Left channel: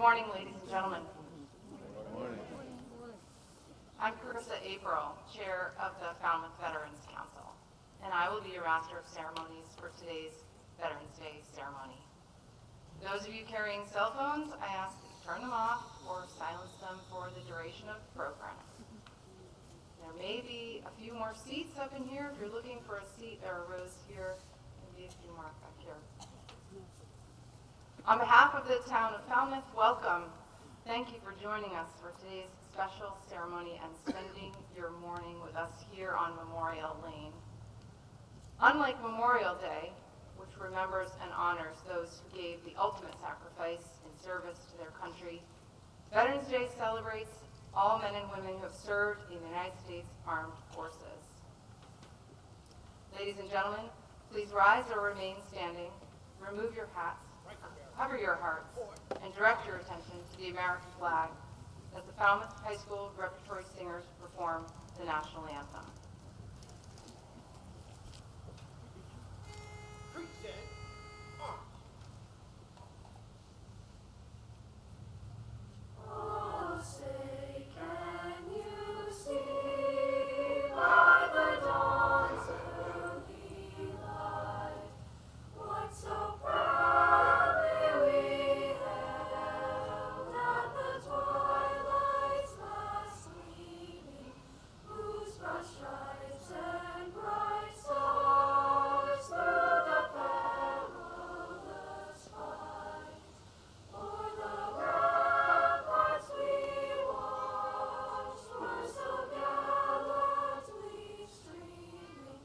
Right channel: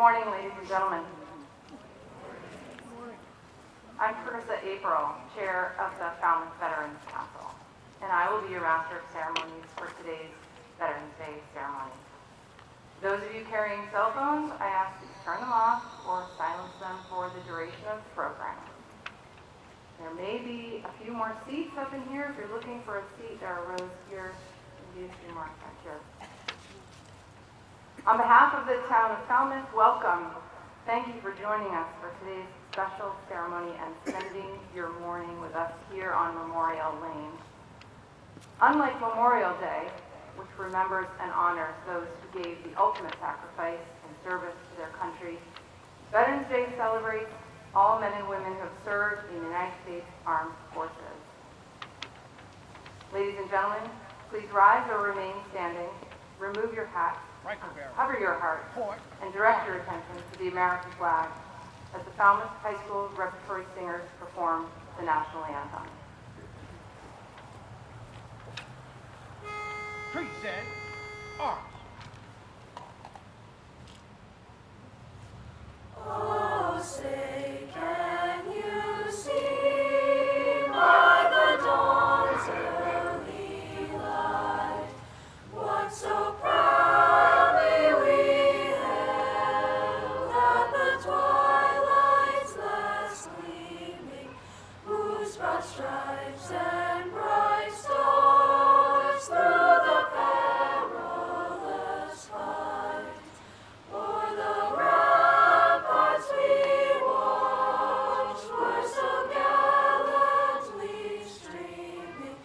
morning, ladies and gentlemen. I'm Carissa April, Chair of the Falmouth Veterans Council, and I will be your Master of Ceremonies for today's Veterans Day ceremony. Those of you carrying cell phones, I ask that you turn them off or silence them for the duration of the program. There may be a few more seats up in here. If you're looking for a seat, there are rows here, maybe a few more back here. On behalf of the town of Falmouth, welcome. Thank you for joining us for today's special ceremony and spending your morning with us here on Memorial Lane. Unlike Memorial Day, which remembers and honors those who gave the ultimate sacrifice in service to their country, Veterans Day celebrates all men and women who have served in the United States Armed Forces. Ladies and gentlemen, please rise or remain standing, remove your hats, cover your hearts, and direct your attention to the American flag as the Falmouth High School Repertory Singers perform the national anthem. Present arms. Oh, say, can you see by the dawn's early light what so proudly we hailed at the twilight's last gleaming, whose broad stripes and bright stars through the perilous fight o'er the ramparts we watched were so gallantly streaming,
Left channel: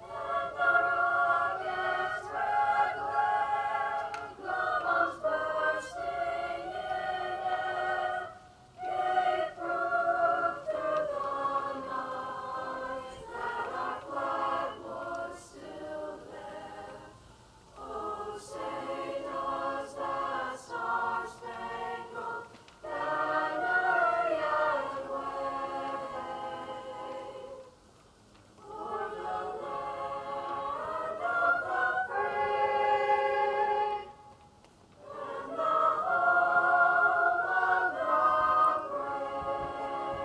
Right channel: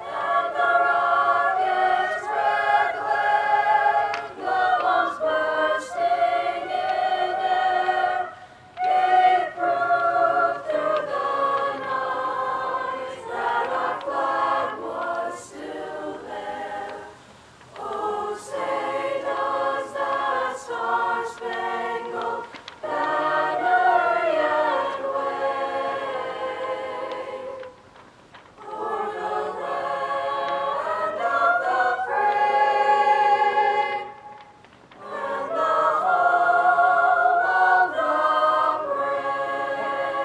and the rocket's red glare, the bombs bursting in air, gave proof through the night that our flag was still there. Oh, say does that star-spangled banner yet wave o'er the land of the free and the home of the brave?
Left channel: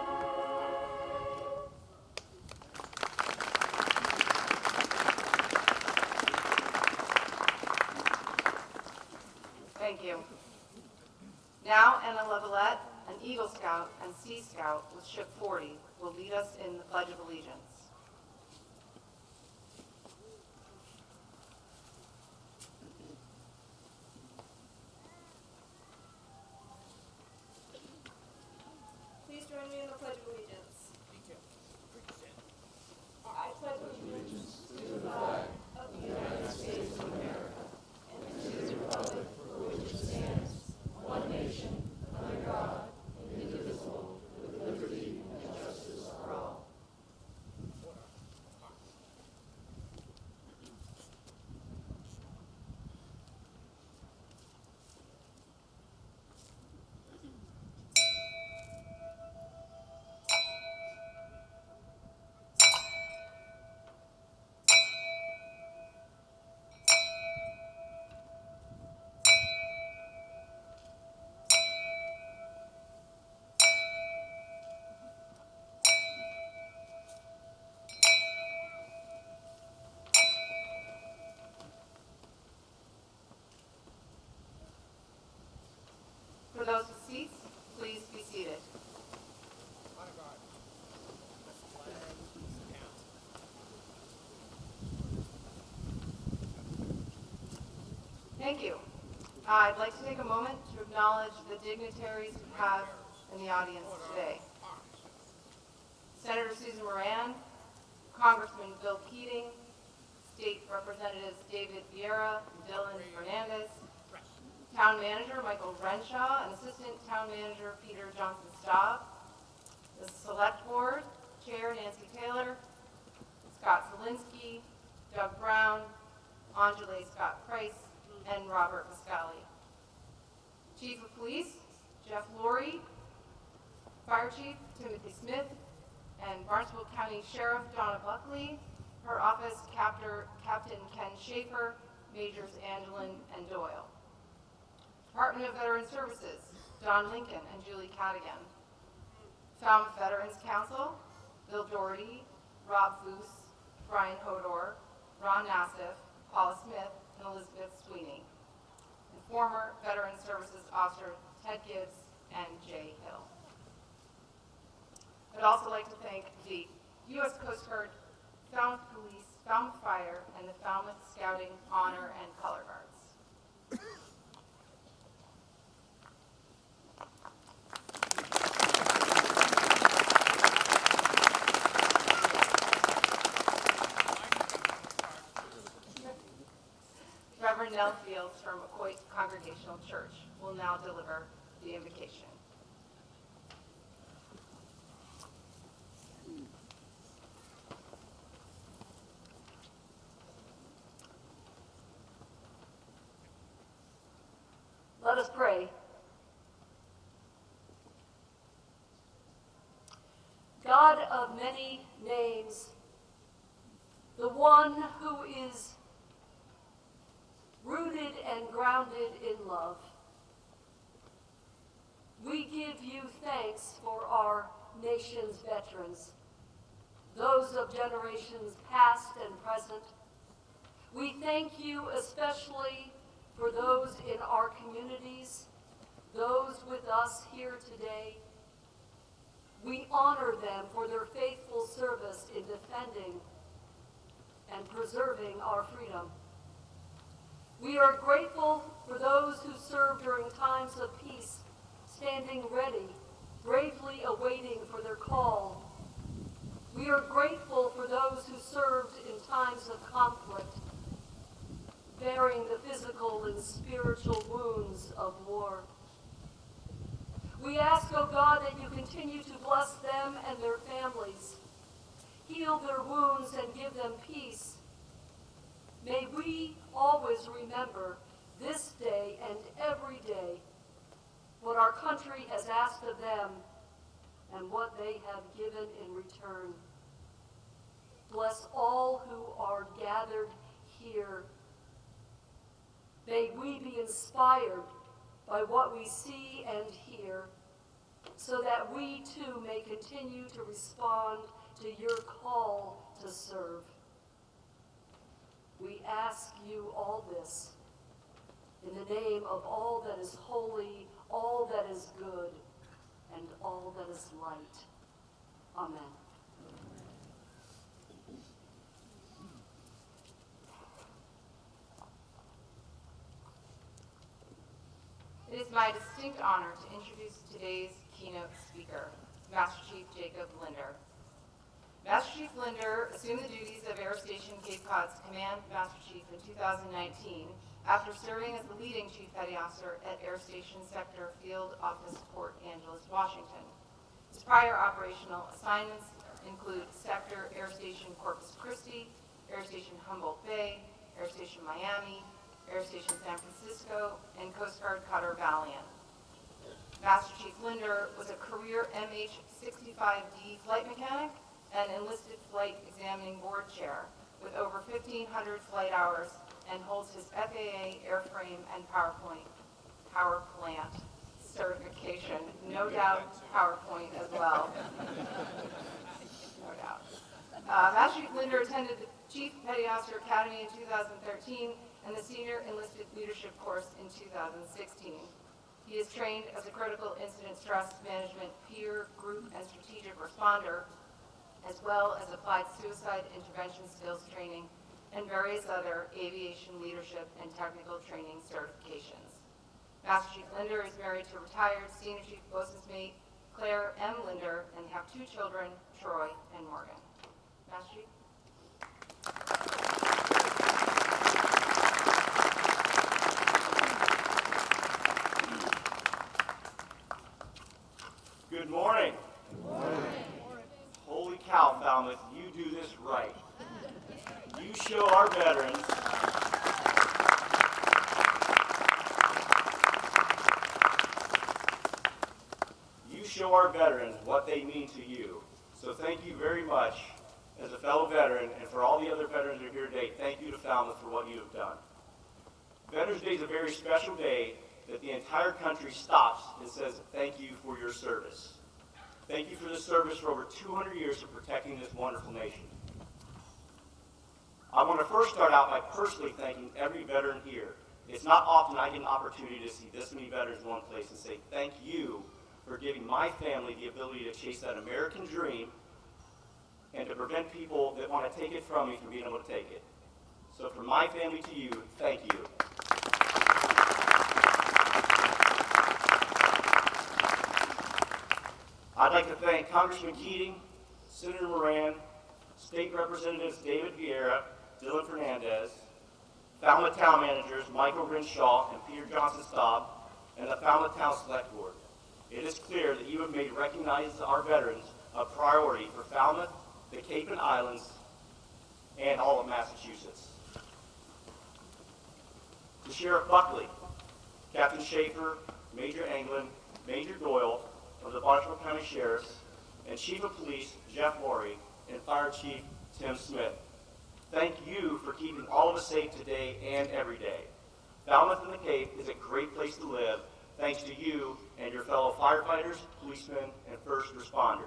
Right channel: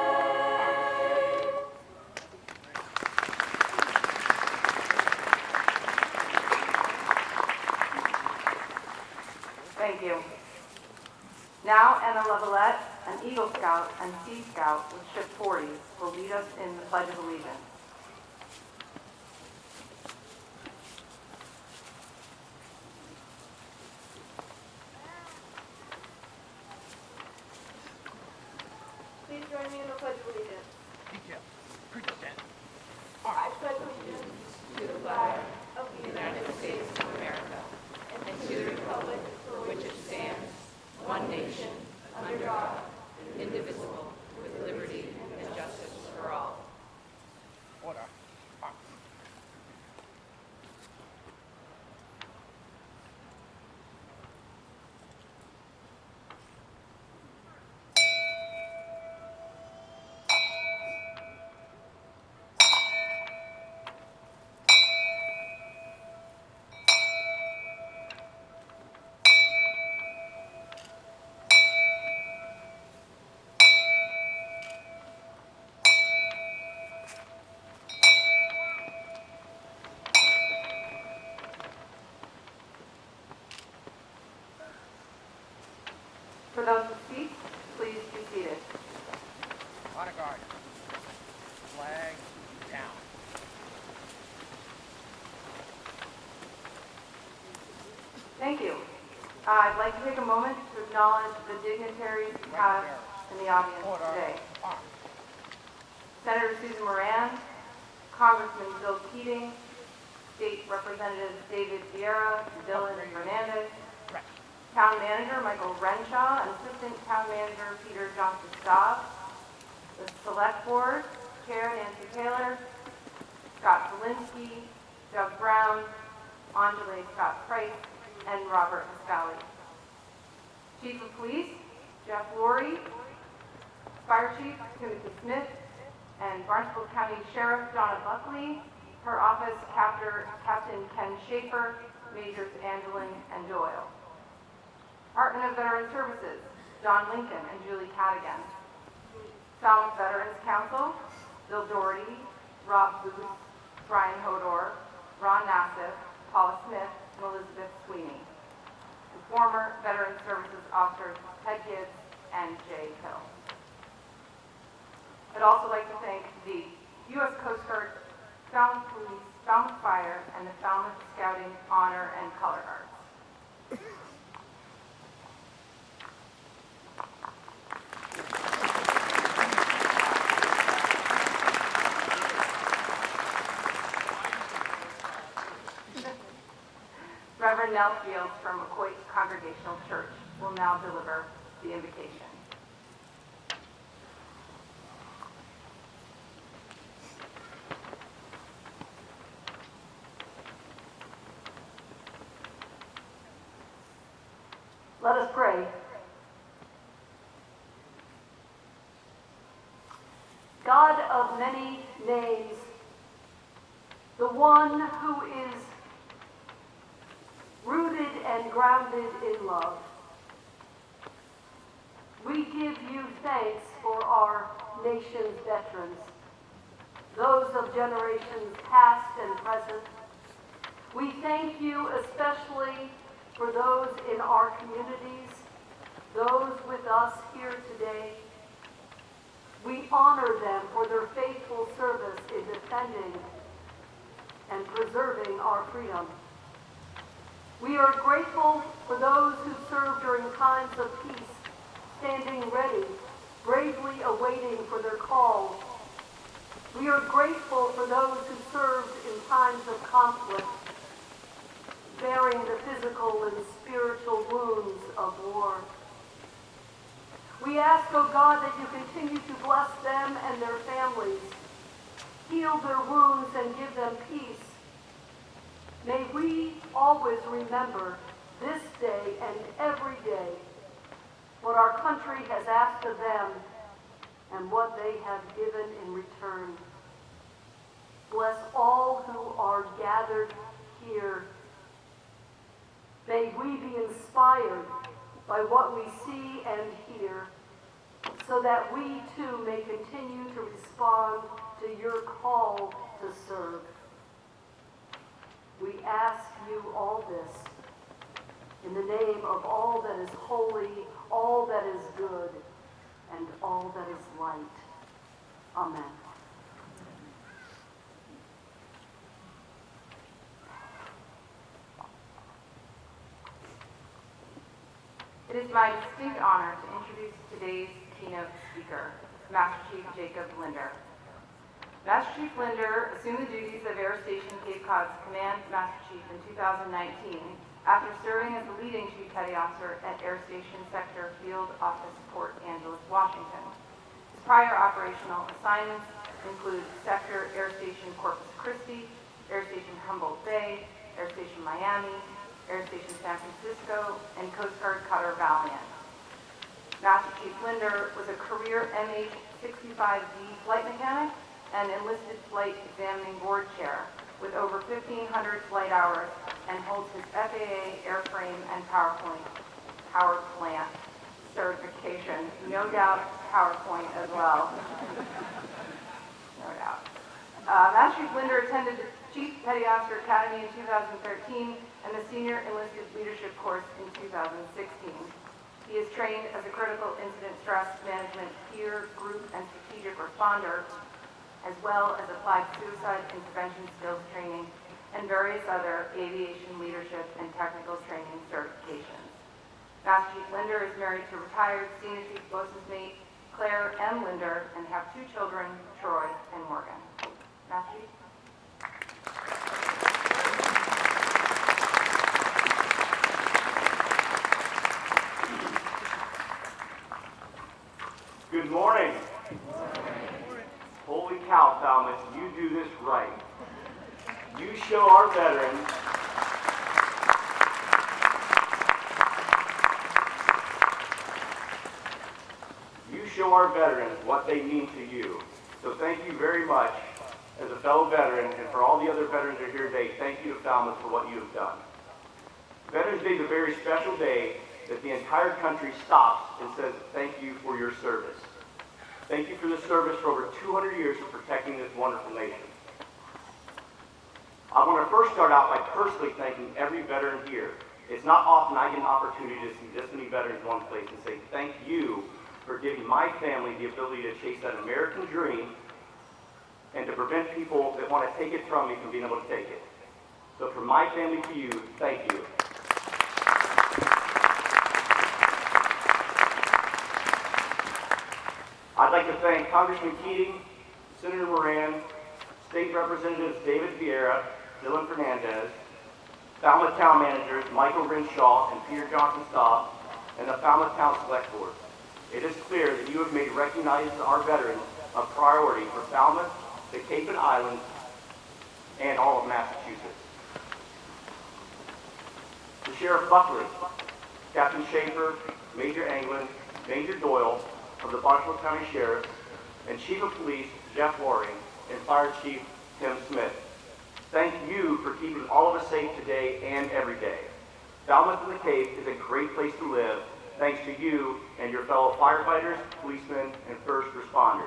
Thank you. Now, Anna Levelette, an Eagle Scout and Sea Scout with Ship 40, will lead us in the Pledge of Allegiance. Please join me in the Pledge of Allegiance. Detail. Present I arms. pledge allegiance to the flag of the United States of America and to the republic for which it stands, one nation, under God, indivisible, with liberty and justice for all. Order. Arms. For those with seats, please be seated. Honor guard. Flag down. Thank you. I'd like to take a moment to acknowledge the dignitaries we have in the audience Order. today. Arms. Senator Susan Moran, Congressman Bill Keating, State Representatives David Vieira and Dylan Fernandez, Press. Town Manager Michael Renshaw, and Assistant Town Manager Peter Johnson-Staub, the Select Board, Chair Nancy Taylor, Scott Zielinski, Doug Brown, Angela Scott Price, and Robert Pascali. Chief of Police Jeff Laurie, Fire Chief Timothy Smith, and Barnstable County Sheriff Donna Buckley, her office Captain Ken Schaefer, Majors Angelin and Doyle. Department of Veteran Services, John Lincoln and Julie Cadigan. Falmouth Veterans Council, Bill Doherty, Rob Boos, Brian Hodor, Ron Nassif, Paula Smith, and Elizabeth Sweeney. And former Veteran Services Officer Ted Gibbs and Jay Hill. I'd also like to thank the U.S. Coast Guard, Falmouth Police, Falmouth Fire, and the Falmouth Scouting Honor and Color Guards. Reverend Nell Fields from McCoy Congregational Church will now deliver the invocation. Let us pray. God of many names, the one who is rooted and grounded in love, we give you thanks for our nation's veterans, those of generations past and present. We thank you especially for those in our communities, those with us here today. We honor them for their faithful service in defending and preserving our freedom. We are grateful for those who served during times of peace, standing ready, bravely awaiting for their call. We are grateful for those who served in times of conflict, bearing the physical and spiritual wounds of war. We ask, O God, that you continue to bless them and their families, heal their wounds and give them peace. May we always remember this day and every day what our country has asked of them and what they have given in return. Bless all who are gathered here. May we be inspired by what we see and hear, so that we too may continue to respond to your call to serve. We ask you all this in the name of all that is holy, all that is good, and all that is light. Amen. It is my distinct honor to introduce today's keynote speaker, Master Chief Jacob Linder. Master Chief Linder assumed the duties of Air Station Cape Cod's Command Master Chief in 2019 after serving as the leading Chief Petty Officer at Air Station Sector Field Office, Port Angeles, Washington. His prior operational assignments include Sector Air Station Corpus Christi, Air Station Humboldt Bay, Air Station Miami, Air Station San Francisco, and Coast Guard Cutter Valiant. Master Chief Linder was a career MH-65D flight mechanic and enlisted flight examining board chair with over 1,500 flight hours and holds his FAA airframe and power plant certification. No doubt PowerPoint as well. No doubt. Master Chief Linder attended the Chief Petty Officer Academy in 2013 and the Senior Enlisted Leadership course in 2016. He is trained as a critical incident stress management peer, group, and strategic responder, as well as applied suicide intervention skills training and various other aviation leadership and technical training certifications. Master Chief Linder is married to retired Senior Chief Bosun's Mate Claire M. Linder and have two children, Troy and Morgan. Master Chief. Good morning. Holy cow, Falmouth, you do this right. You show our veterans what they mean to you. So thank you very much as a fellow veteran, and for all the other veterans that are here today, thank you to Falmouth for what you have done. Veterans Day is a very special day that the entire country stops and says thank you for your service. Thank you for the service for over 200 years of protecting this wonderful nation. I want to first start out by personally thanking every veteran here. It's not often I get an opportunity to see this many veterans in one place and say thank you for giving my family the ability to chase that American dream and to prevent people that want to take it from me from being able to take it. So from my family to you, thank you. I'd like to thank Congressman Keating, Senator Moran, State Representatives David Vieira, Dylan Fernandez, Falmouth Town Managers Michael Renshaw and Peter Johnson-Staub, and the Falmouth Town Select Board. It is clear that you have made recognizing our veterans a priority for Falmouth, the Cape and Islands, and all of Massachusetts. To Sheriff Buckley, Captain Schaefer, Major Anglin, Major Doyle of the Barnstable County Sheriffs, and Chief of Police Jeff Loring, and Fire Chief Tim Smith. Thank you for keeping all of us safe today and every day. Falmouth and the Cape is a great place to live, thanks to you and your fellow firefighters, policemen, and first responders.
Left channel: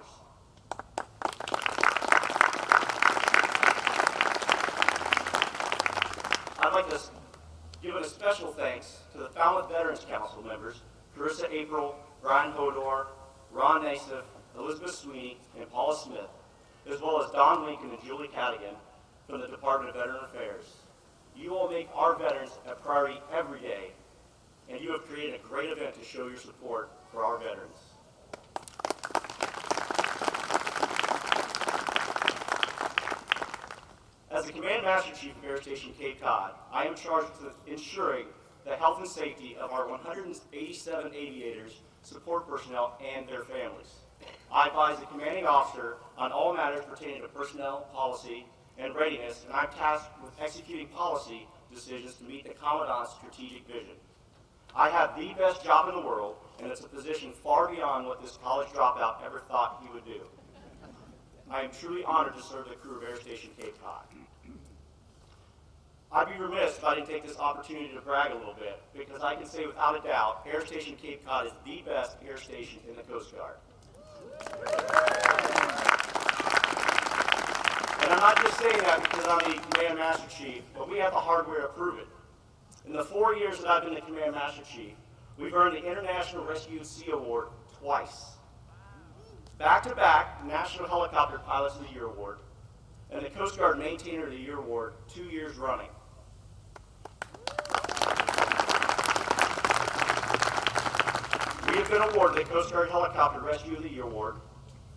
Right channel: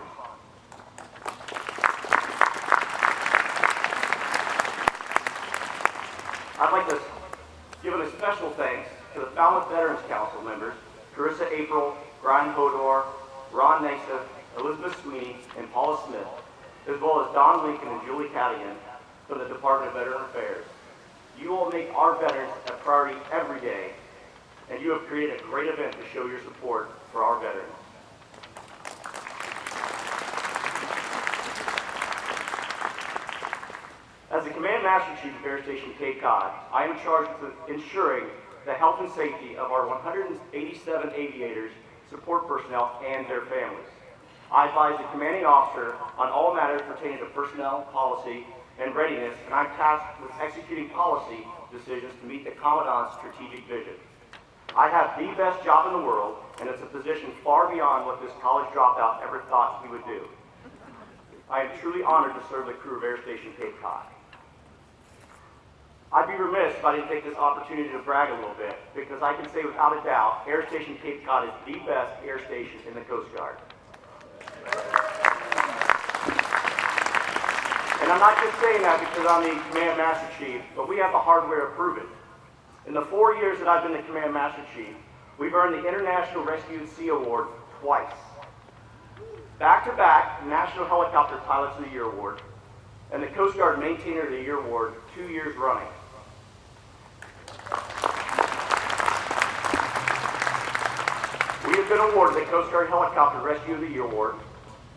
I'd like to give a special thanks to the Falmouth Veterans Council members, Carissa April, Brian Hodor, Ron Nassif, Elizabeth Sweeney, and Paula Smith, as well as Don Lincoln and Julie Cadigan from the Department of Veteran Affairs. You all make our veterans a priority every day, and you have created a great event to show your support for our veterans. As the Command Master Chief of Air Station Cape Cod, I am charged with ensuring the health and safety of our 187 aviators, support personnel, and their families. I advise the commanding officer on all matters pertaining to personnel, policy, and readiness, and I'm tasked with executing policy decisions to meet the Commandant's strategic vision. I have the best job in the world, and it's a position far beyond what this college dropout ever thought he would do. I am truly honored to serve the crew of Air Station Cape Cod. I'd be remiss if I didn't take this opportunity to brag a little bit, because I can say without a doubt, Air Station Cape Cod is the best air station in the Coast Guard. And I'm not just saying that because I'm the Command Master Chief, but we have the hardware to prove it. In the 4 years that I've been the Command Master Chief, we've earned the International Rescue at Sea Award twice. Back-to-back National Helicopter Pilots of the Year Award, and the Coast Guard Maintainer of the Year Award 2 years running. We have been awarded the Coast Guard Helicopter Rescue of the Year Award,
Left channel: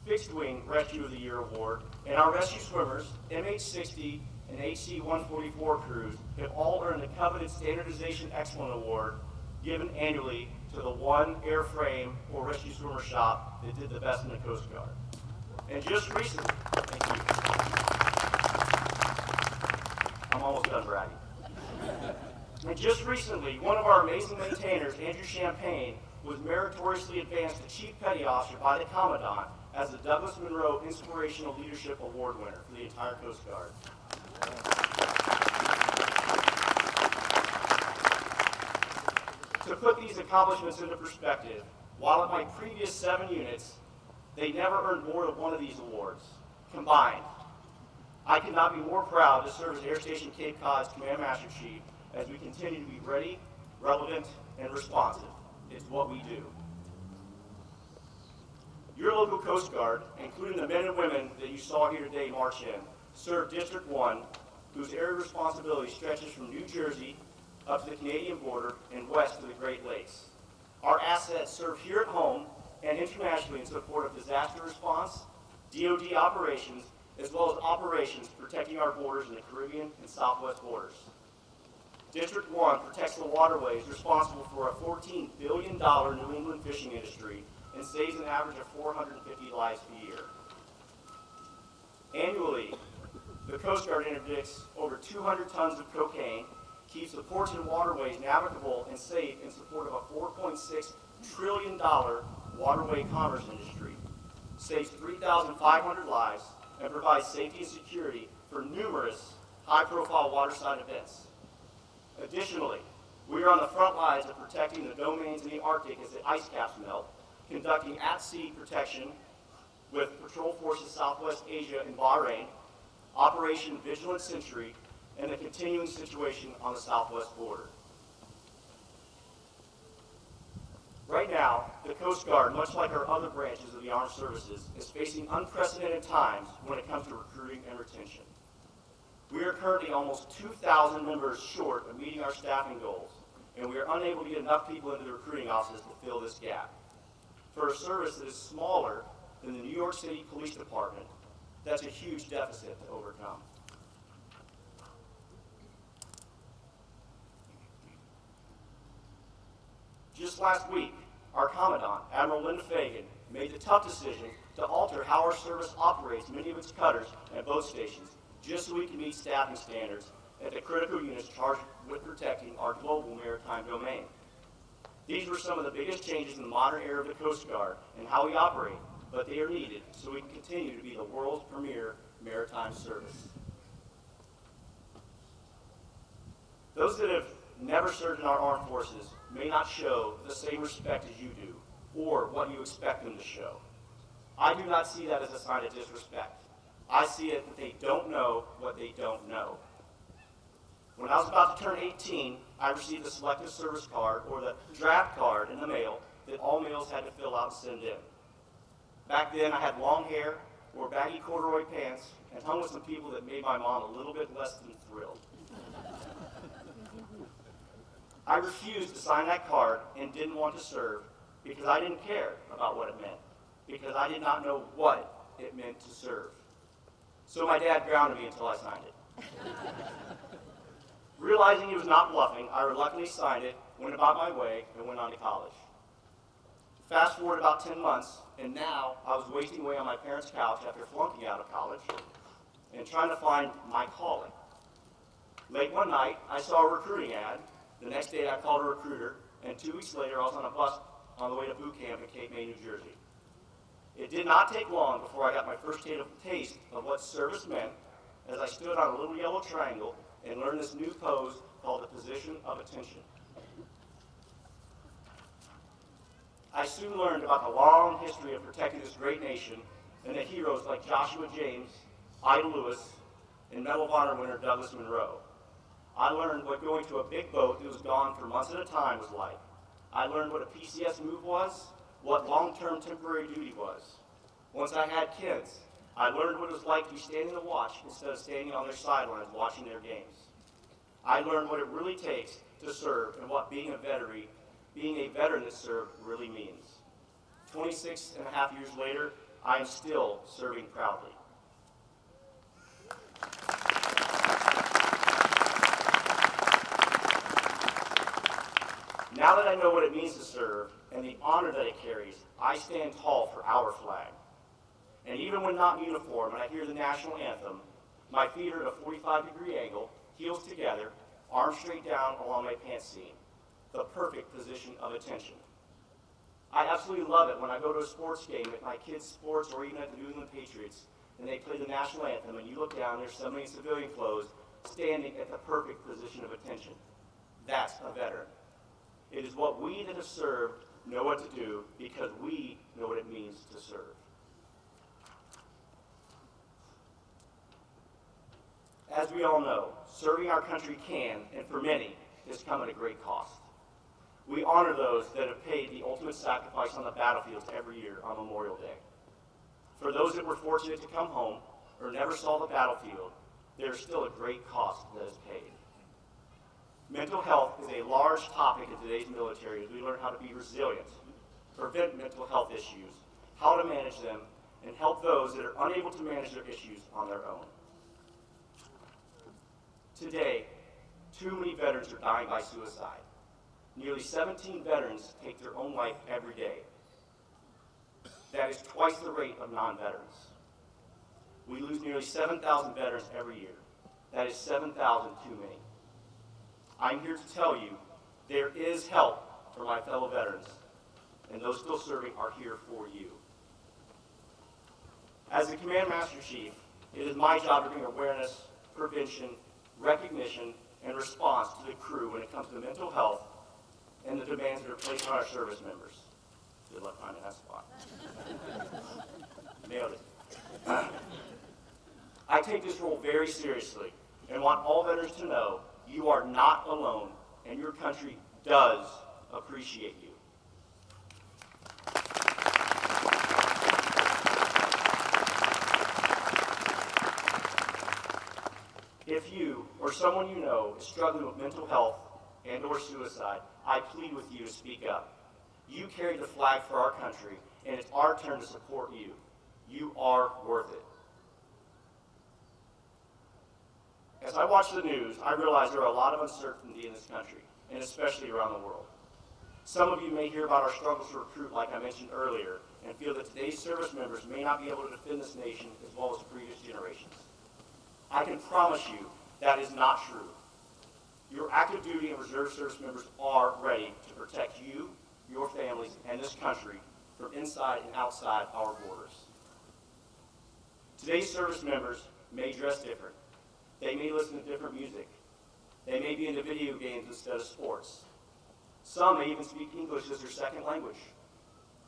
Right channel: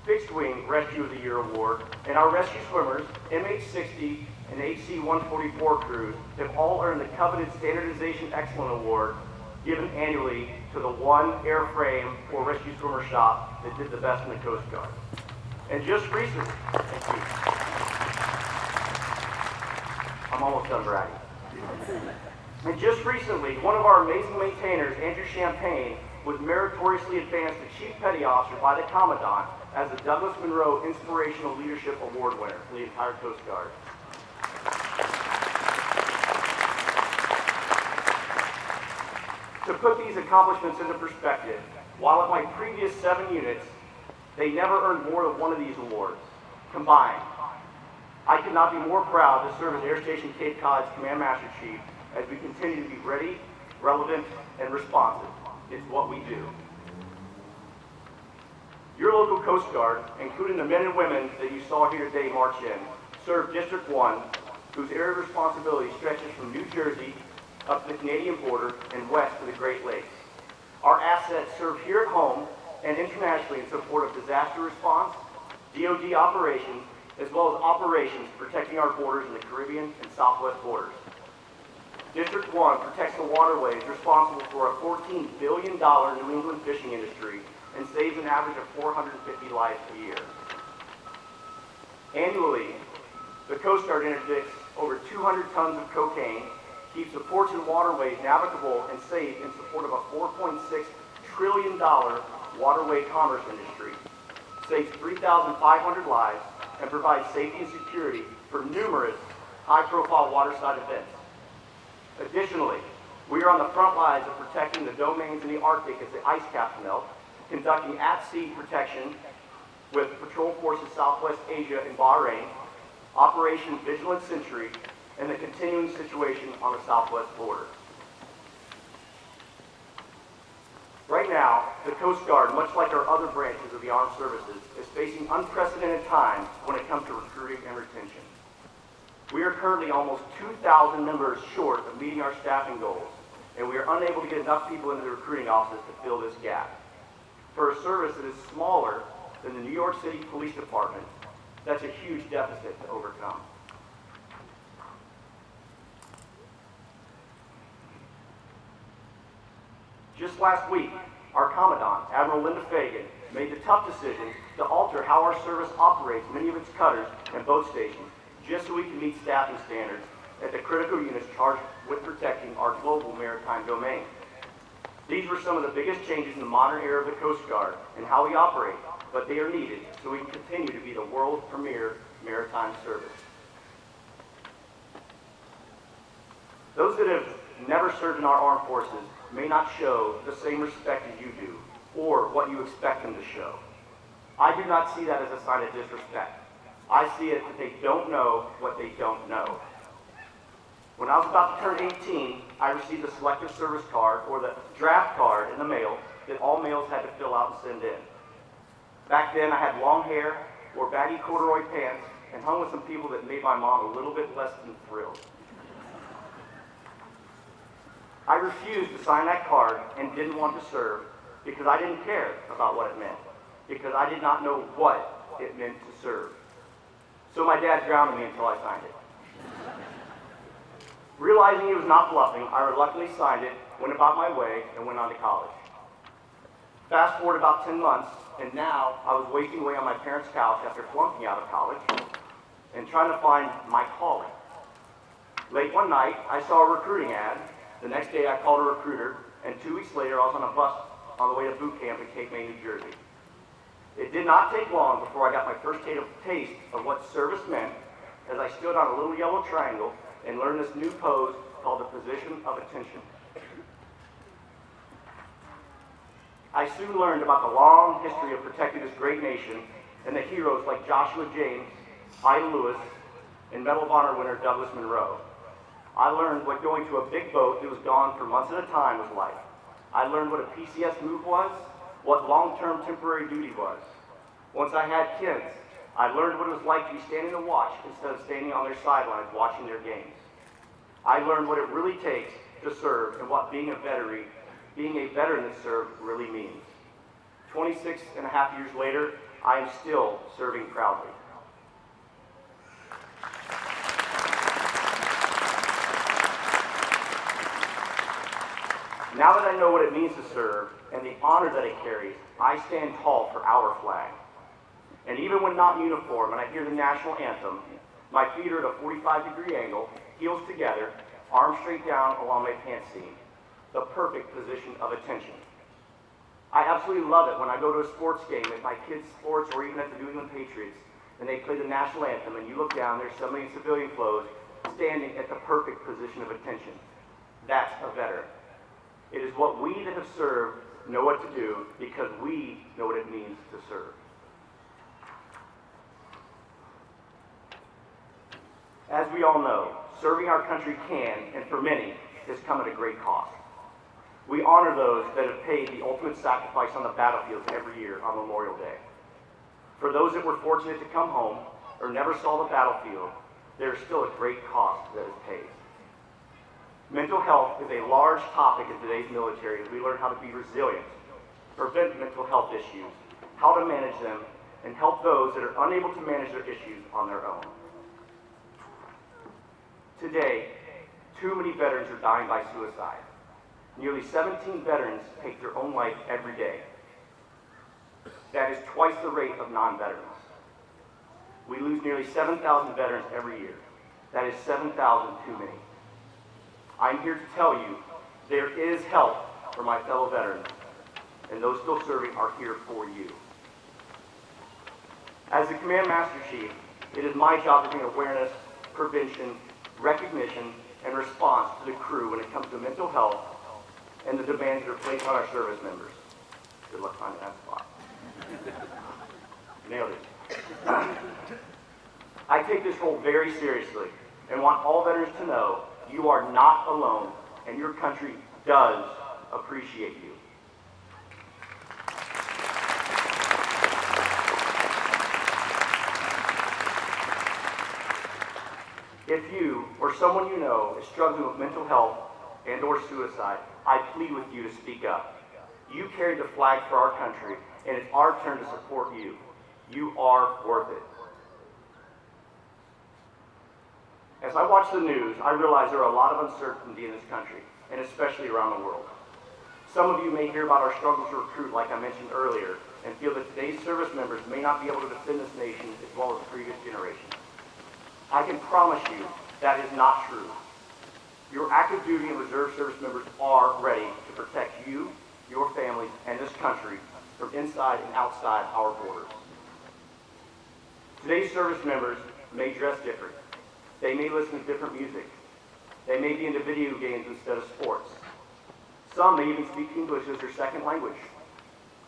Fixed Wing Rescue of the Year Award, and our rescue swimmers, MH-60 and HC-144 crews, have all earned the coveted Standardization Excellent Award given annually to the one airframe or rescue swimmer shop that did the best in the Coast Guard. And just recently, thank you. I'm almost done bragging. And just recently, one of our amazing maintainers, Andrew Champagne, was meritoriously advanced to Chief Petty Officer by the Commandant as the Douglas Monroe Inspirational Leadership Award winner for the entire Coast Guard. To put these accomplishments into perspective, while at my previous 7 units, they never earned more than one of these awards combined. I could not be more proud to serve as Air Station Cape Cod's Command Master Chief as we continue to be ready, relevant, and responsive. It's what we do. Your local Coast Guard, including the men and women that you saw here today march in, serve District 1, whose area of responsibility stretches from New Jersey up to the Canadian border and west to the Great Lakes. Our assets serve here at home and internationally in support of disaster response, DoD operations, as well as operations protecting our borders in the Caribbean and Southwest borders. District 1 protects the waterways responsible for a $14 billion New England fishing industry and saves an average of 450 lives a year. Annually, the Coast Guard interdicts over 200 tons of cocaine, keeps the ports and waterways navigable and safe in support of a $4.6 trillion waterway commerce industry, saves 3,500 lives, and provides safety and security for numerous high-profile waterside events. Additionally, We are on the front lines of protecting the domains in the Arctic as the ice caps melt, conducting at-sea protection with Patrol Forces Southwest Asia in Bahrain, Operation Vigilant Century, and the continuing situation on the southwest border. Right now, the Coast Guard, much like our other branches of the armed services, is facing unprecedented times when it comes to recruiting and retention. We are currently almost 2,000 members short of meeting our staffing goals, and we are unable to get enough people into the recruiting offices to fill this gap. For a service that is smaller than the New York City Police Department, that's a huge deficit to overcome. Just last week, our Commandant, Admiral Linda Fagan, made the tough decision to alter how our service operates many of its cutters and boat stations, just so we can meet staffing standards at the critical units charged with protecting our global maritime domain. These were some of the biggest changes in the modern era of the Coast Guard and how we operate, but they are needed so we can continue to be the world's premier maritime service. Those that have never served in our armed forces may not show the same respect as you do, or what you expect them to show. I do not see that as a sign of disrespect. I see it that they don't know what they don't know. When I was about to turn 18, I received a selective service card, or the draft card, in the mail that all males had to fill out and send in. Back then, I had long hair, wore baggy corduroy pants, and hung with some people that made my mom a little bit less than thrilled. I refused to sign that card and didn't want to serve because I didn't care about what it meant, because I did not know what it meant to serve. So my dad grounded me until I signed it. Realizing he was not bluffing, I reluctantly signed it, went about my way, and went on to college. Fast forward about 10 months, and now I was wasting away on my parents' couch after flunking out of college and trying to find my calling. Late one night, I saw a recruiting ad. The next day, I called a recruiter, and 2 weeks later, I was on a bus on the way to boot camp in Cape May, New Jersey. It did not take long before I got my first taste of what service meant as I stood on a little yellow triangle and learned this new pose called the position of attention. I soon learned about the long history of protecting this great nation and the heroes like Joshua James, Ida Lewis, and Medal of Honor winner Douglas Monroe. I learned what going to a big boat that was gone for months at a time was like. I learned what a PCS move was, what long-term temporary duty was. Once I had kids, I learned what it was like to be standing to watch instead of standing on their sidelines watching their games. I learned what it really takes to serve and what being a veteran that served really means. 26 and a half years later, I am still serving proudly. Now that I know what it means to serve and the honor that it carries, I stand tall for our flag. And even when not in uniform and I hear the national anthem, my feet are at a 45-degree angle, heels together, arms straight down along my pants seam. The perfect position of attention. I absolutely love it when I go to a sports game at my kids' sports or even at the New England Patriots and they play the national anthem and you look down, there's somebody in civilian clothes standing at the perfect position of attention. That's a veteran. It is what we that have served know what to do because we know what it means to serve. As we all know, serving our country can, and for many, has come at a great cost. We honor those that have paid the ultimate sacrifice on the battlefields every year on Memorial Day. For those that were fortunate to come home or never saw the battlefield, there is still a great cost that is paid. Mental health is a large topic in today's military as we learn how to be resilient, prevent mental health issues, how to manage them, and help those that are unable to manage their issues on their own. Today, too many veterans are dying by suicide. Nearly 17 veterans take their own life every day. That is twice the rate of non-veterans. We lose nearly 7,000 veterans every year. That is 7,000 too many. I'm here to tell you there is help for my fellow veterans, and those still serving are here for you. As the Command Master Chief, it is my job to bring awareness, prevention, recognition, and response to the crew when it comes to mental health and the demands that are placed on our service members. Good luck finding that spot. Nailed it. I take this role very seriously and want all veterans to know you are not alone and your country does appreciate you. If you or someone you know is struggling with mental health and or suicide, I plead with you to speak up. You carry the flag for our country, and it's our turn to support you. You are worth it. As I watch the news, I realize there are a lot of uncertainty in this country, and especially around the world. Some of you may hear about our struggles to recruit, like I mentioned earlier, and feel that today's service members may not be able to defend this nation as well as previous generations. I can promise you that is not true. Your active duty and reserve service members are ready to protect you, your families, and this country from inside and outside our borders. Today's service members may dress different. They may listen to different music. They may be into video games instead of sports. Some may even speak English as their second language.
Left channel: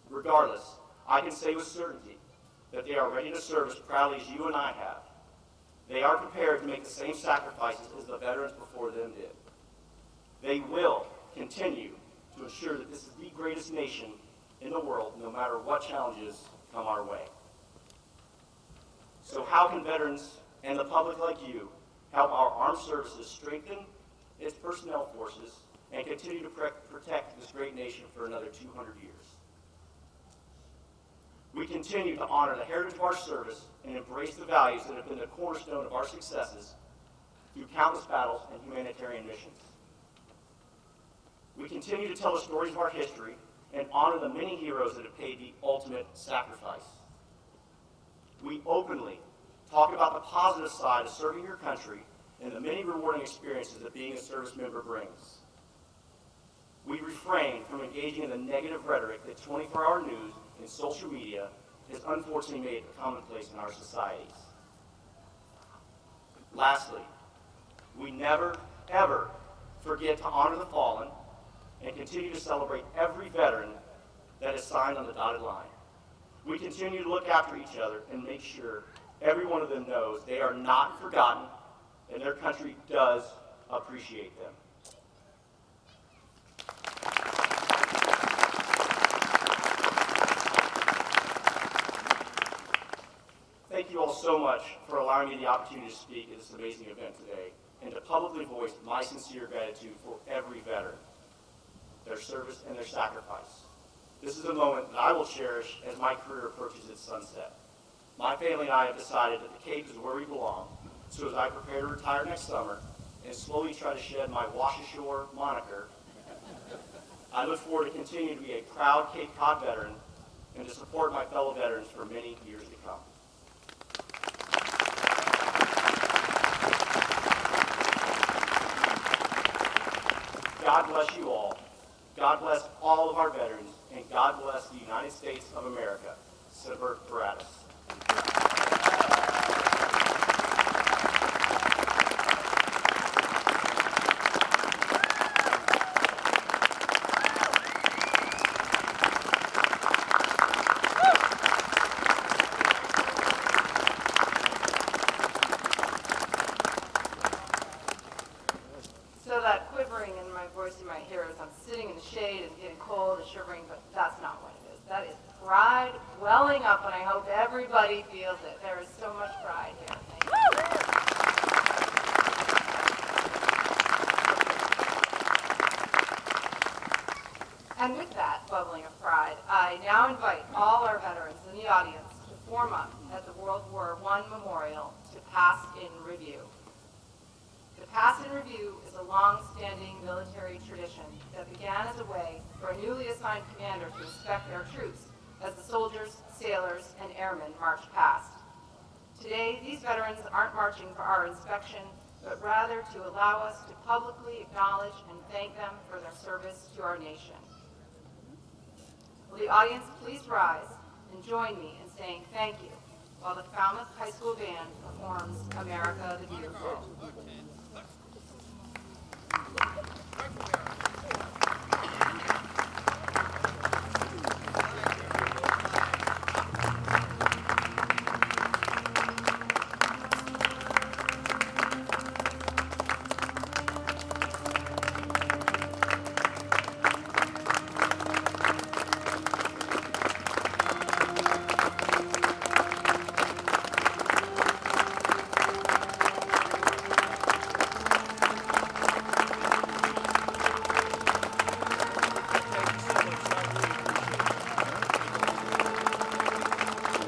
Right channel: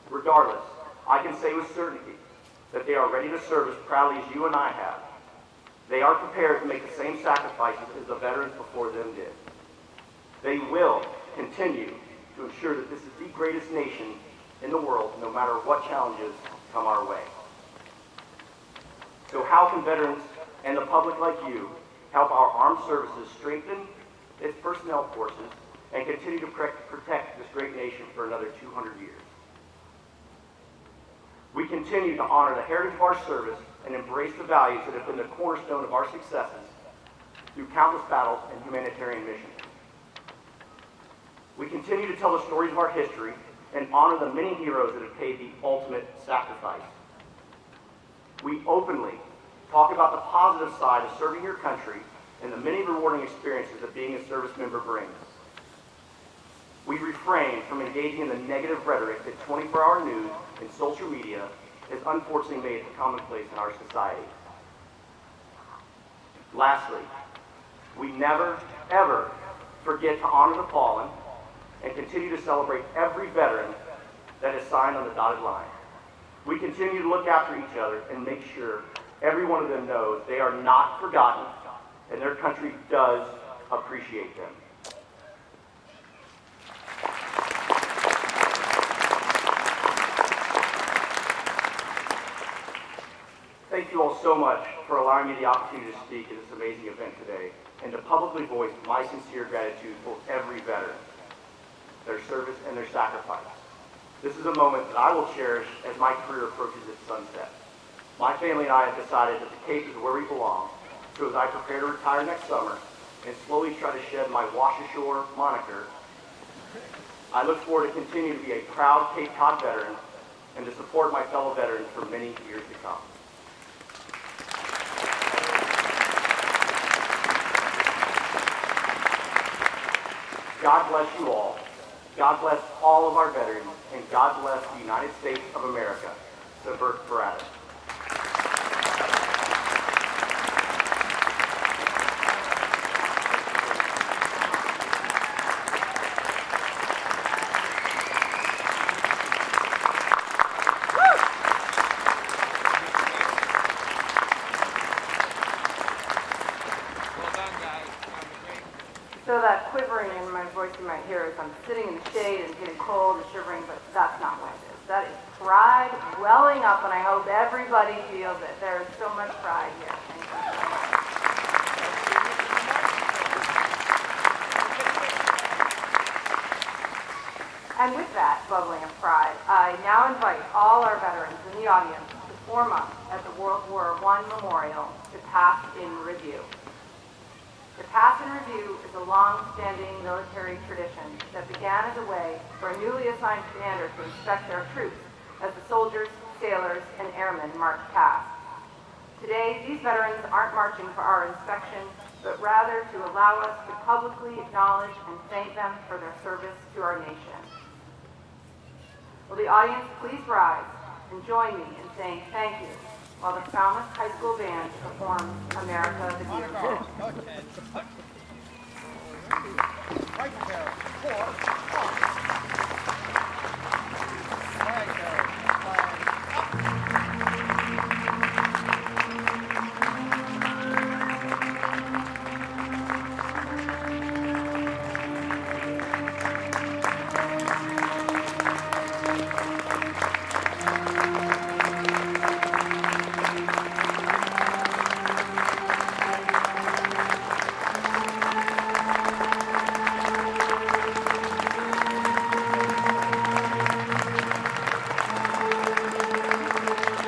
Regardless, I can say with certainty that they are ready to serve as proudly as you and I have. They are prepared to make the same sacrifices as the veterans before them did. They will continue to ensure that this is the greatest nation in the world, no matter what challenges come our way. So how can veterans and the public like you help our armed services strengthen its personnel forces and continue to protect this great nation for another 200 years? We continue to honor the heritage of our service and embrace the values that have been the cornerstone of our successes through countless battles and humanitarian missions. We continue to tell the stories of our history and honor the many heroes that have paid the ultimate sacrifice. We openly talk about the positive side of serving your country and the many rewarding experiences that being a service member brings. We refrain from engaging in the negative rhetoric that 24-hour news and social media has unfortunately made a commonplace in our societies. Lastly, we never, ever forget to honor the fallen and continue to celebrate every veteran that is signed on the dotted line. We continue to look after each other and make sure every one of them knows they are not forgotten and their country does appreciate them. Thank you all so much for allowing me the opportunity to speak at this amazing event today and to publicly voice my sincere gratitude for every veteran, their service, and their sacrifice. This is a moment that I will cherish as my career approaches its sunset. My family and I have decided that the Cape is where we belong, so as I prepare to retire next summer and slowly try to shed my wash ashore moniker, I look forward to continuing to be a proud Cape Cod veteran and to support my fellow veterans for many years to come. God bless you all. God bless all of our veterans, and God bless the United States of America. Semper Paratus. So that quivering in my voice you might hear is I'm sitting in the shade and getting cold and shivering, but that's not what it is. That is pride welling up, and I hope everybody feels it. There is so much pride here. Thank you. And with that bubbling of pride, I now invite all our veterans in the audience to form up at the World War I Memorial to pass in review. The pass and review is a long-standing military tradition that began as a way for a newly assigned commander to inspect their troops as the soldiers, sailors, and airmen marched past. Today, these veterans aren't marching for our inspection, but rather to allow us to publicly acknowledge and thank them for their service to our nation. Will the audience please rise and join me in saying thank you while the Falmouth High School Band performs America the Beautiful. Right there. For arms. Flag there. Flag.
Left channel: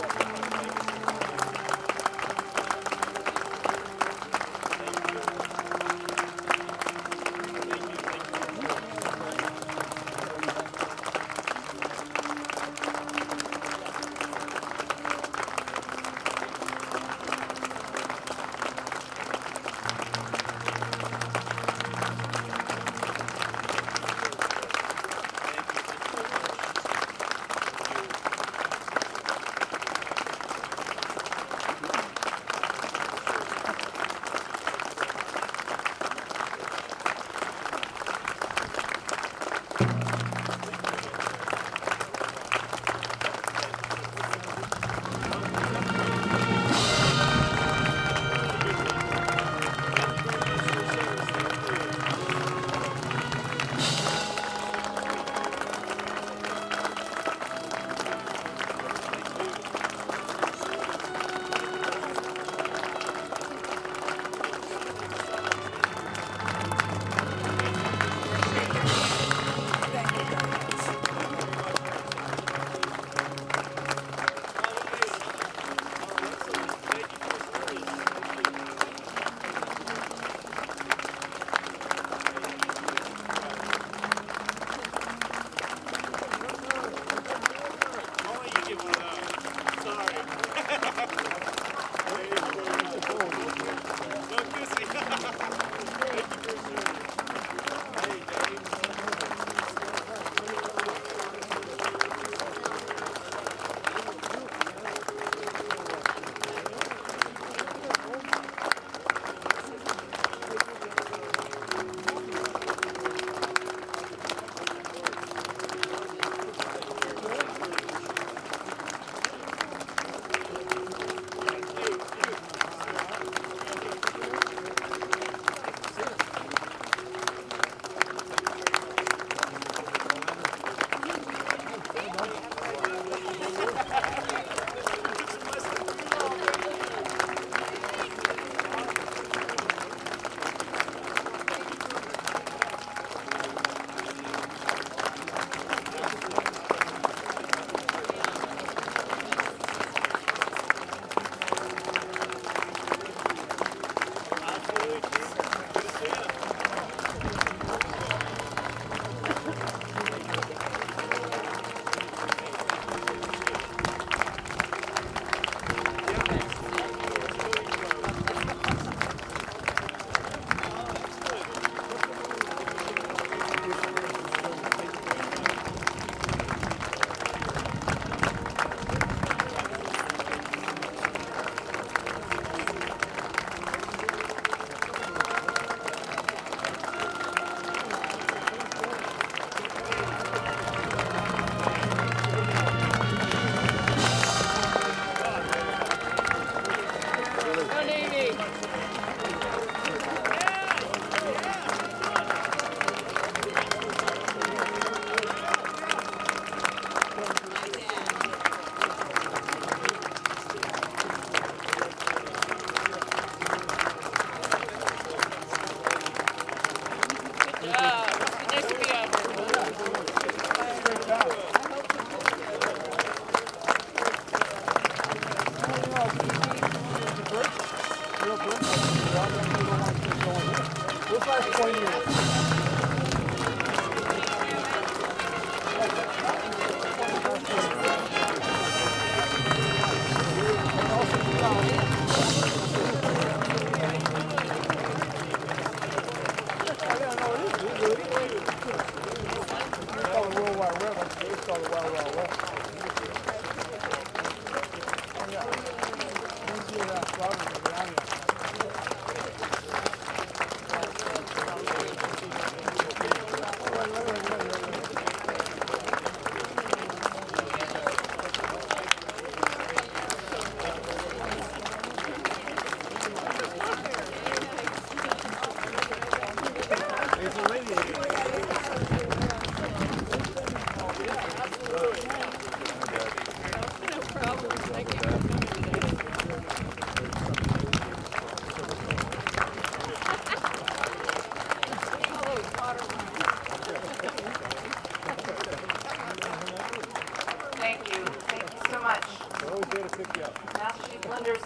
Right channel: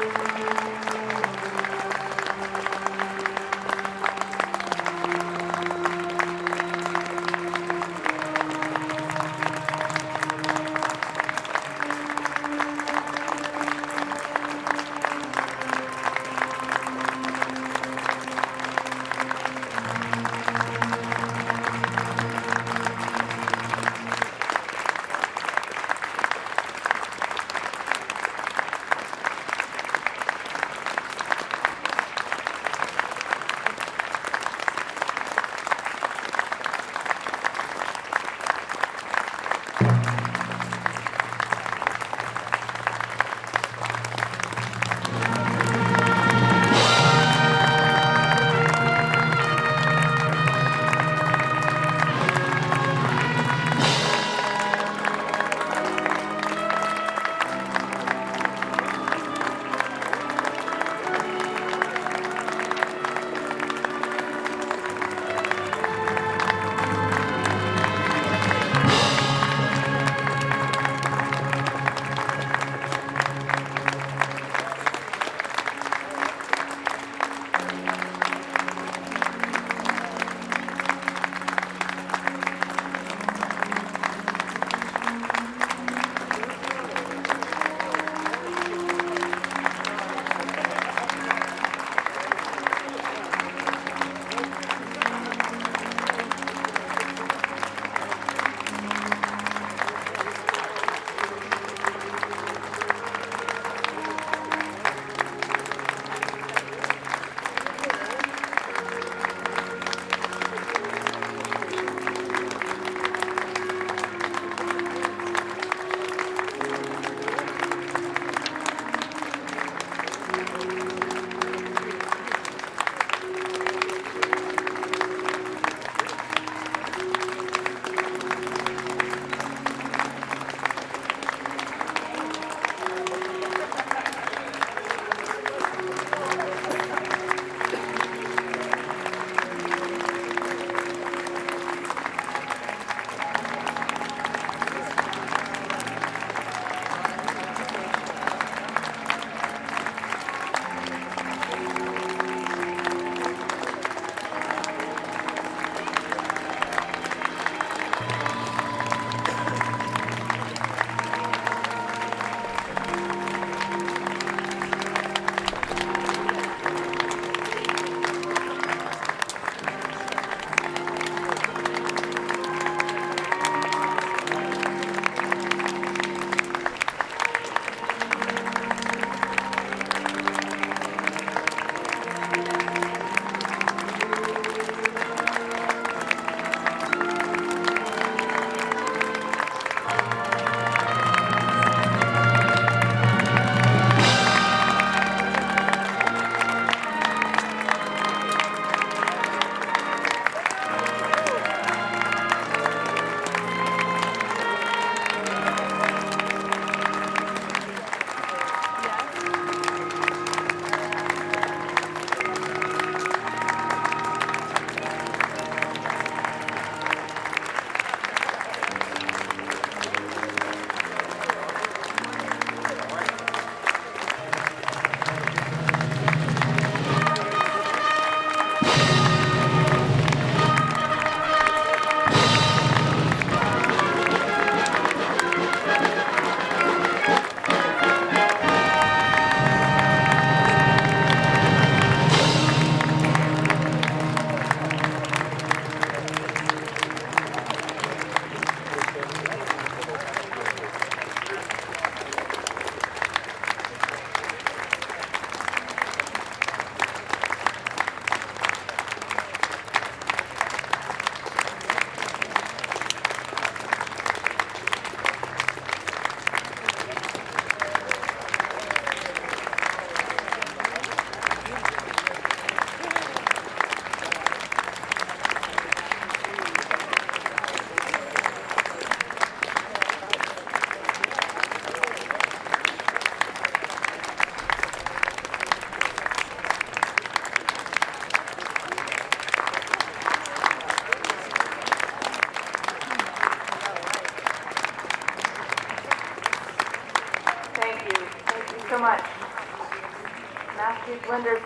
Mass Chief Linder's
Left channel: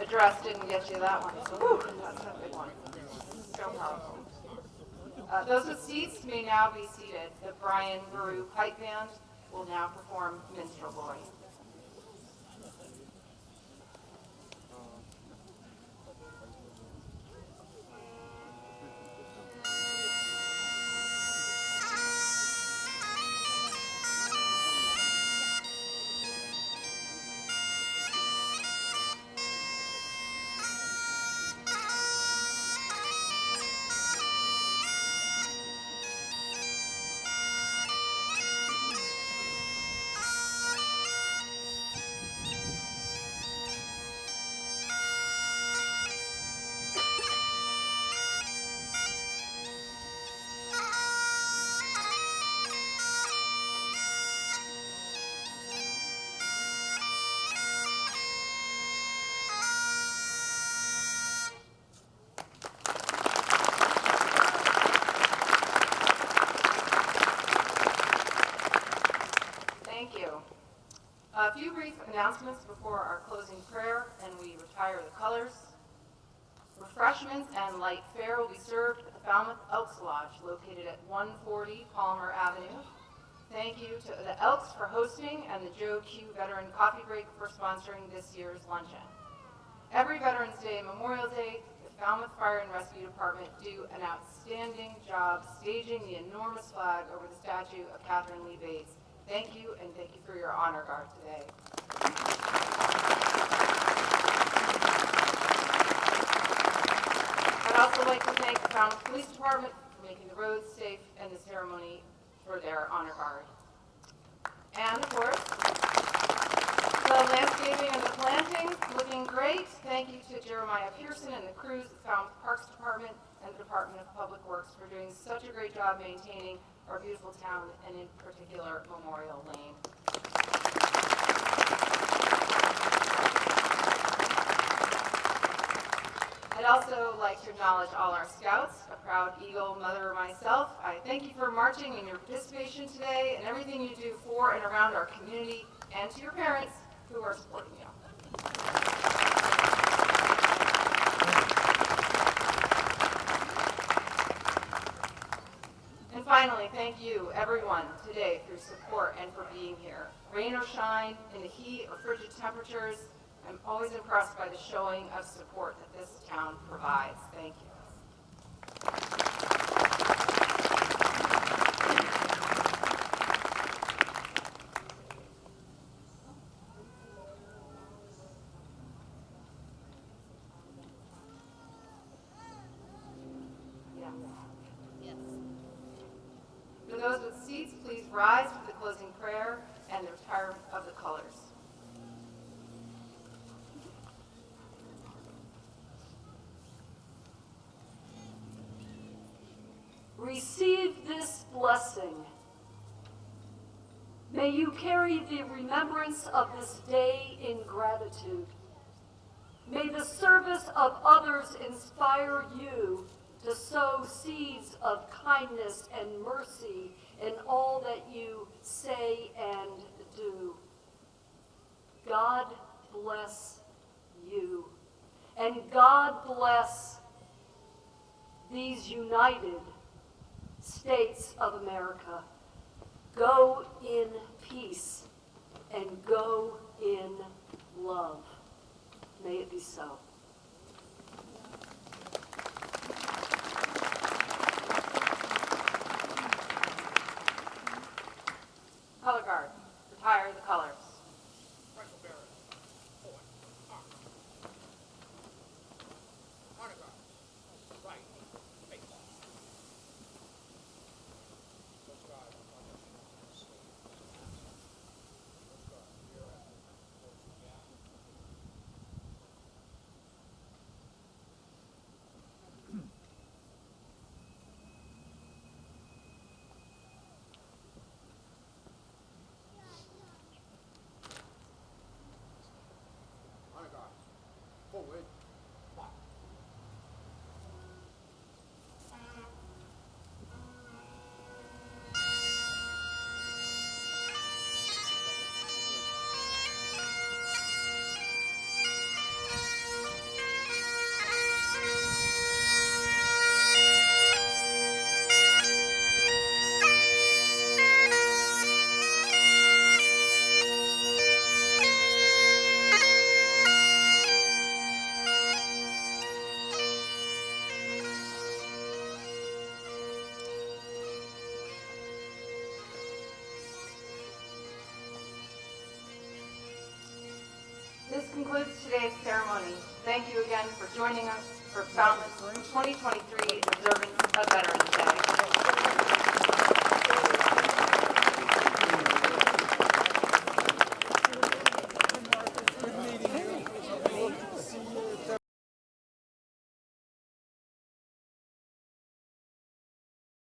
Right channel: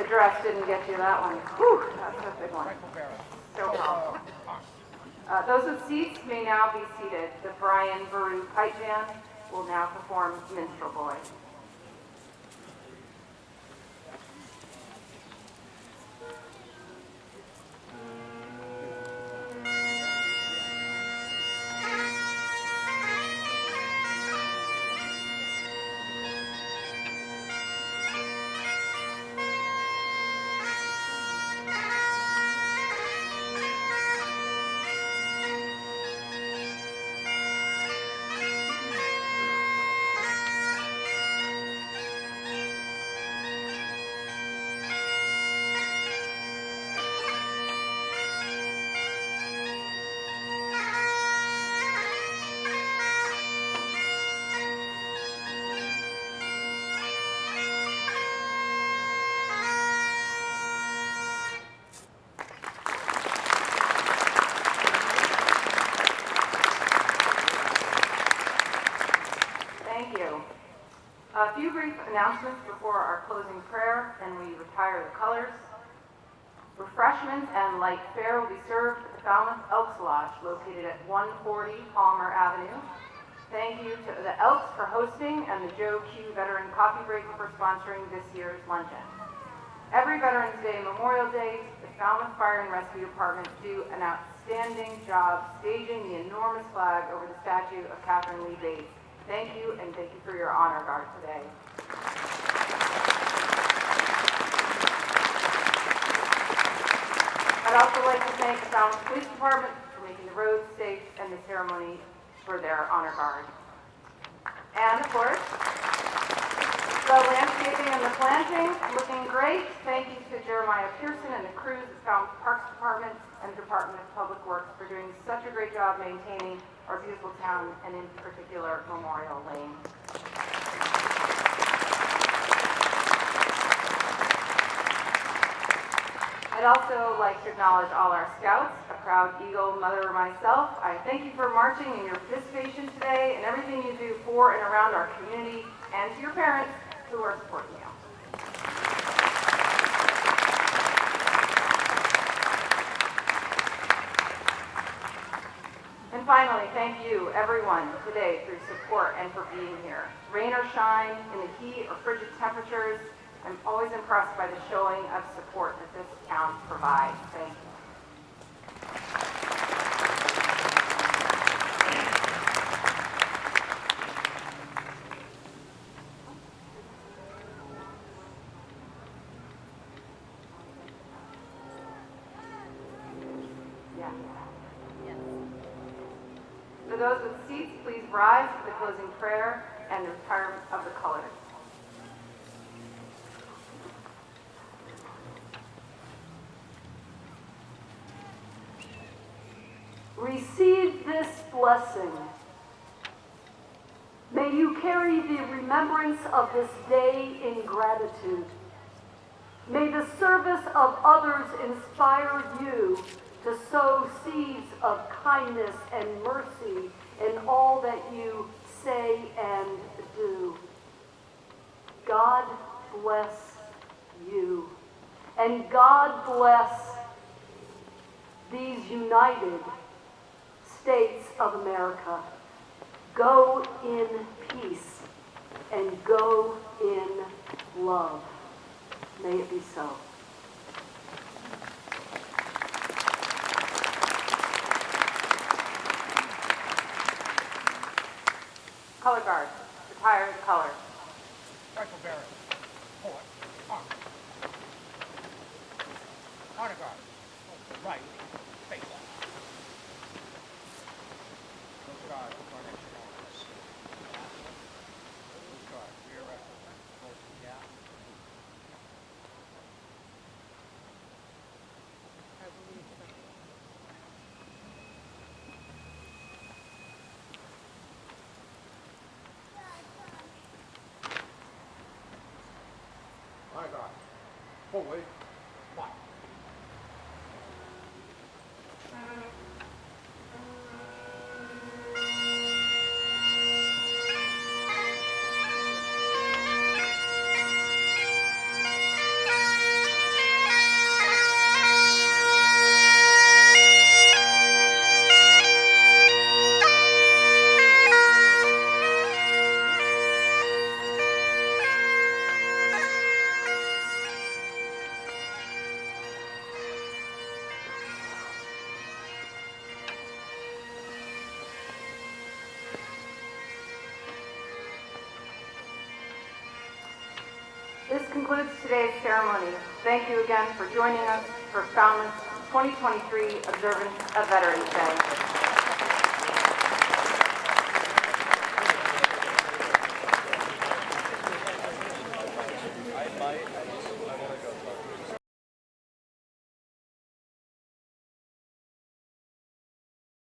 address didn't get you that one. Whew, that's a big one. So powerful. Those with seats may now be seated. The Brian Baru Pipe Band will now perform Minstrel Boy. Thank you. A few brief announcements before our closing prayer, and we retire the colors. Refreshments and light fare will be served at the Falmouth Elks Lodge, located at 140 Palmer Avenue. Thank you to the Elks for hosting and the Joe Q Veteran Coffee Break for sponsoring this year's luncheon. Every Veterans Day and Memorial Day, the Falmouth Fire and Rescue Department do an outstanding job staging the enormous flag over the statue of Catherine Lee Bates. Thank you, and thank you for your honor guard today. I'd also like to thank the Falmouth Police Department for making the roads safe and the ceremony for their honor guard. And of course, the landscaping and the planting, looking great. Thank you to Jeremiah Pearson and the crews at the Falmouth Parks Department and the Department of Public Works for doing such a great job maintaining our beautiful town, and in particular, Memorial Lane. I'd also like to acknowledge all our scouts, a proud Eagle mother myself. I thank you for marching and your participation today and everything you do for and around our community, and to your parents who are supporting you. And finally, thank you, everyone, today for your support and for being here. Rain or shine, in the heat or frigid temperatures, I'm always impressed by the showing of support that this town provides. Thank you. Yes. For those with seats, please rise for the closing prayer and the retirement of the colors. Receive this blessing. May you carry the remembrance of this day in gratitude. May the service of others inspire you to sow seeds of kindness and mercy in all that you say and do. God bless you, and God bless these United States of America. Go in peace and go in love. May it be so. Color guard, retire the colors. Rifle bearer. Forward. Arm. Honor guard. Over right. Face off. Guard. Coronation office. Guard. Rear right. Yeah. Honor guard. Forward. One. concludes today's ceremony. Thank you again for joining us for Falmouth's 2023 observance of Veterans Day.